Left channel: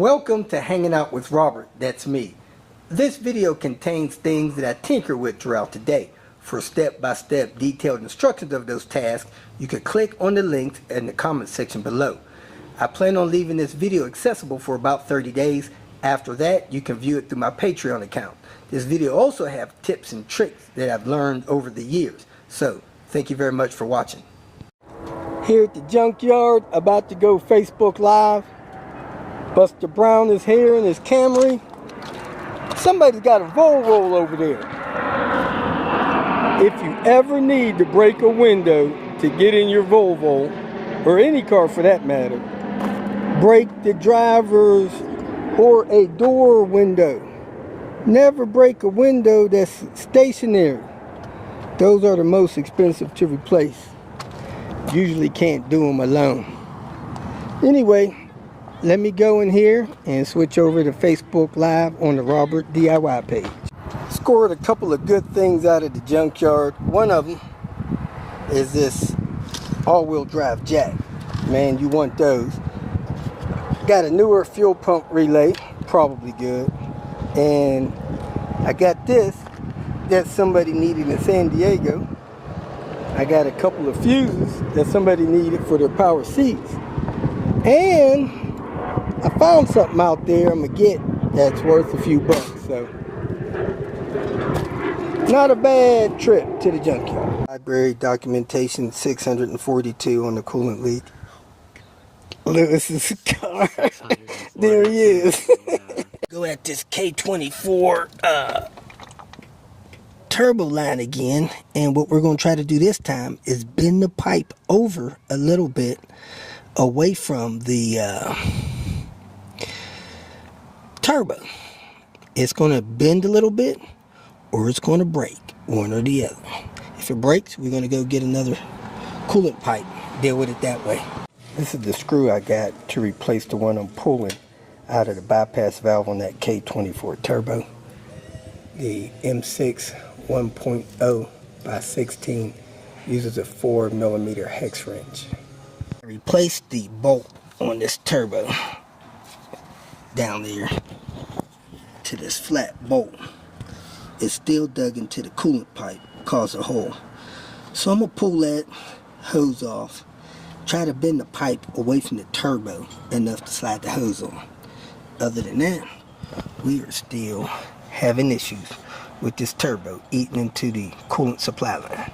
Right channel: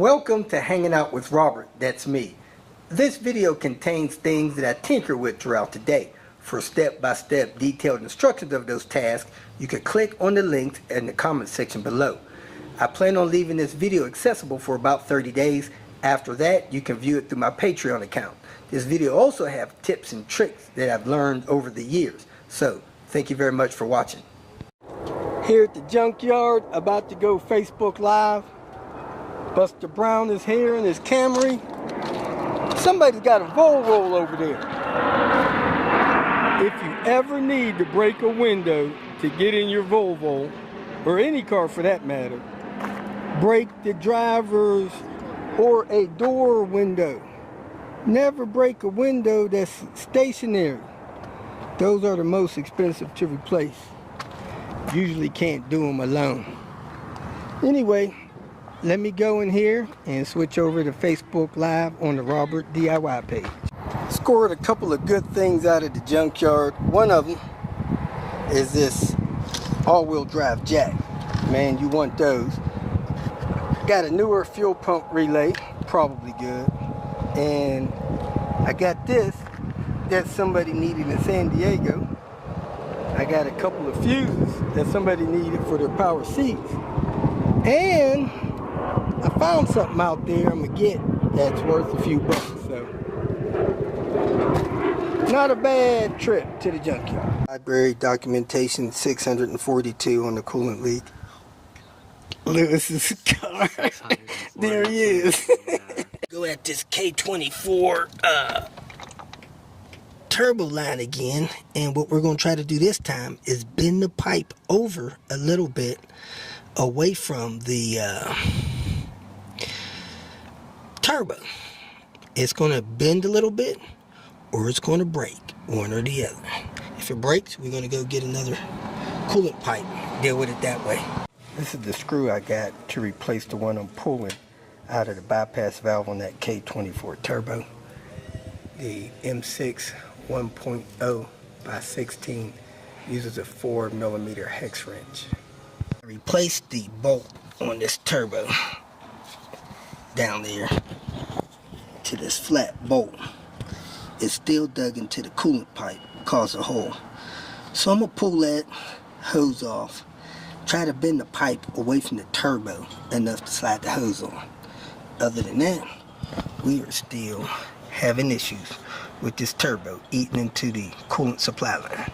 Welcome to Hanging Out with Robert, that's me. This video contains things that I tinker with throughout the day. For step-by-step detailed instructions of those tasks, you can click on the links in the comment section below. I plan on leaving this video accessible for about 30 days. After that, you can view it through my Patreon account. This video also has tips and tricks that I've learned over the years. So, thank you very much for watching. Here at the Junkyard, about to go Facebook Live. Buster Brown is here in his Camry. Somebody's got a Volvo over there. If you ever need to break a window to get in your Volvo, or any car for that matter, break the driver's or a door window. Never break a window that's stationary. Those are the most expensive to replace. Usually can't do them alone. Anyway, let me go in here and switch over to Facebook Live on the Robert DIY page. Scored a couple of good things out of the Junkyard. One of them is this all-wheel drive jack. Man, you want those. Got a newer fuel pump relay, probably good. And I got this that somebody needed in San Diego. I got a couple of fuses that somebody needed for their power seats. And I found something out there I'm going to get that's worth a few bucks. So, not a bad trip to the Junkyard. Library documentation 642 on the coolant leak. Lewis's car. There he is. Go at this K24 turbo line again, and what we're going to try to do this time is bend the pipe over a little bit away from the turbo. It's going to bend a little bit, or it's going to break, one or the other. If it breaks, we're going to go get another coolant pipe, deal with it that way. This is the screw I got to replace the one I'm pulling out of the bypass valve on that K24 turbo. The M6 1.0 by 16 uses a 4mm hex wrench. I replaced the bolt on this turbo down there to this flat bolt. It's still dug into the coolant pipe, caused a hole. So I'm going to pull that hose off, try to bend the pipe away from the turbo enough to slide the hose on. Other than that, we are still having issues with this turbo eating into the coolant supply line.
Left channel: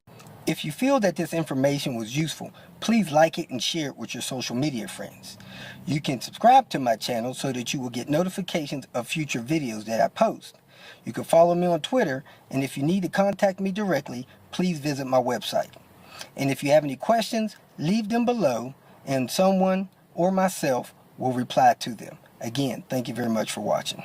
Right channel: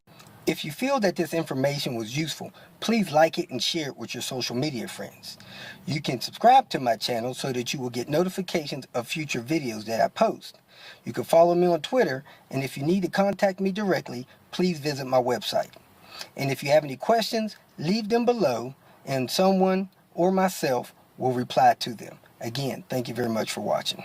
If you feel that this information was useful, please like it and share it with your social media friends. You can subscribe to my channel so that you will get notifications of future videos that I post. You can follow me on Twitter, and if you need to contact me directly, please visit my website. And if you have any questions, leave them below, and someone or myself will reply to them. Again, thank you very much for watching.